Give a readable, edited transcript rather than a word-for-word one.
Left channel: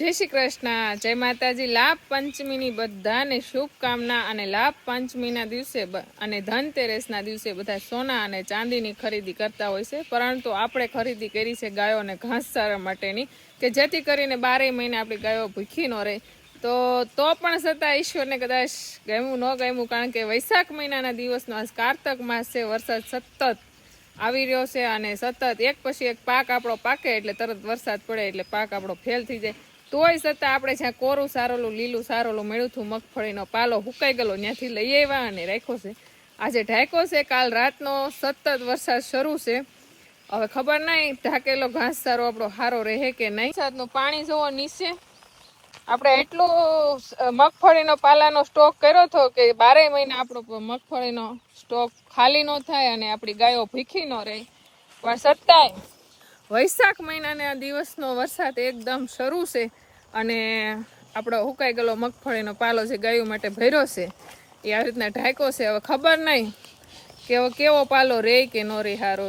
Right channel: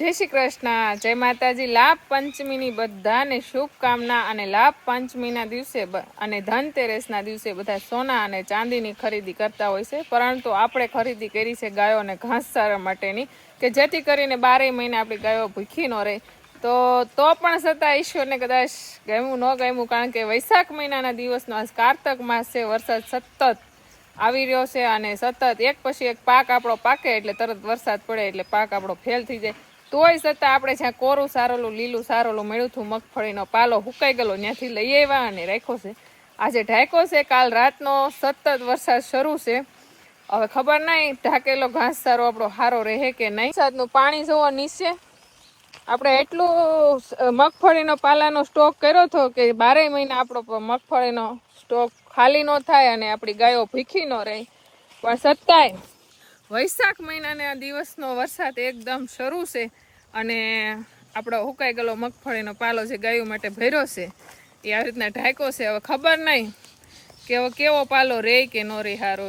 જય શ્રી કૃષ્ણ, જય માતાજી। લાભ પંચમીની બધાને શુભકામના। અને લાભ પંચમીના દિવસે અને ધનતેરસના દિવસે બધા સોના અને ચાંદીની ખરીદી કરતા હોય છે, પરંતુ આપણે ખરીદી કરી છે ગાયોને ઘાસચારા માટેની, કે જેથી કરીને 12 મહિને આપણી ગાયો ભૂખી ન રહે। તો પણ છતાં ઈશ્વરને કદાચ ગમ્યું ન ગમ્યું, કારણ કે વૈશાખ મહિનાના દિવસનો આજ કારતક માસ છે। વરસાદ સતત આવી રહ્યો છે અને સતત એક પછી એક પાક આપણો પાકે એટલે તરત વરસાદ પડે એટલે પાક આપણો ફેલ થઈ જાય। તોય છતાં આપણે જ્યાં કોરું સારોલું લીલું સારોલું મળ્યું હતું, મગફળીનો પાલો હુકાઈ ગયેલો, ત્યાંથી લઈ આવ્યા અને રાખ્યો છે। આજે ઢાંક્યો છે, કાલ રાતનો સતત વરસાદ શરૂ છે। હવે ખબર નહીં ઢાંકેલો ઘાસચારો આપણો સારો રહે કે નહીં। વરસાદનું પાણી જોવો નીચે, આપણે એટલું મગફળીનો પાલાનો સ્ટોક કર્યો હતો કે 12 મહિના આપણો મગફળીનો સ્ટોક ખાલી ન થાય અને આપણી ગાયો ભૂખી ન રહે, પણ છતાંય વૈશાખ મહિનાના દિવસનો વરસાદ એકદમ શરૂ છે અને આપણો હુકાઈ ગયેલો મગફળીનો પાલો જે ગાયો માટે ભર્યો છે એ આવી રીતના ઢાંક્યો છે। હવે ખબર નહીં કે હવે કેવો પાલો રહે કે ન રહે સારો।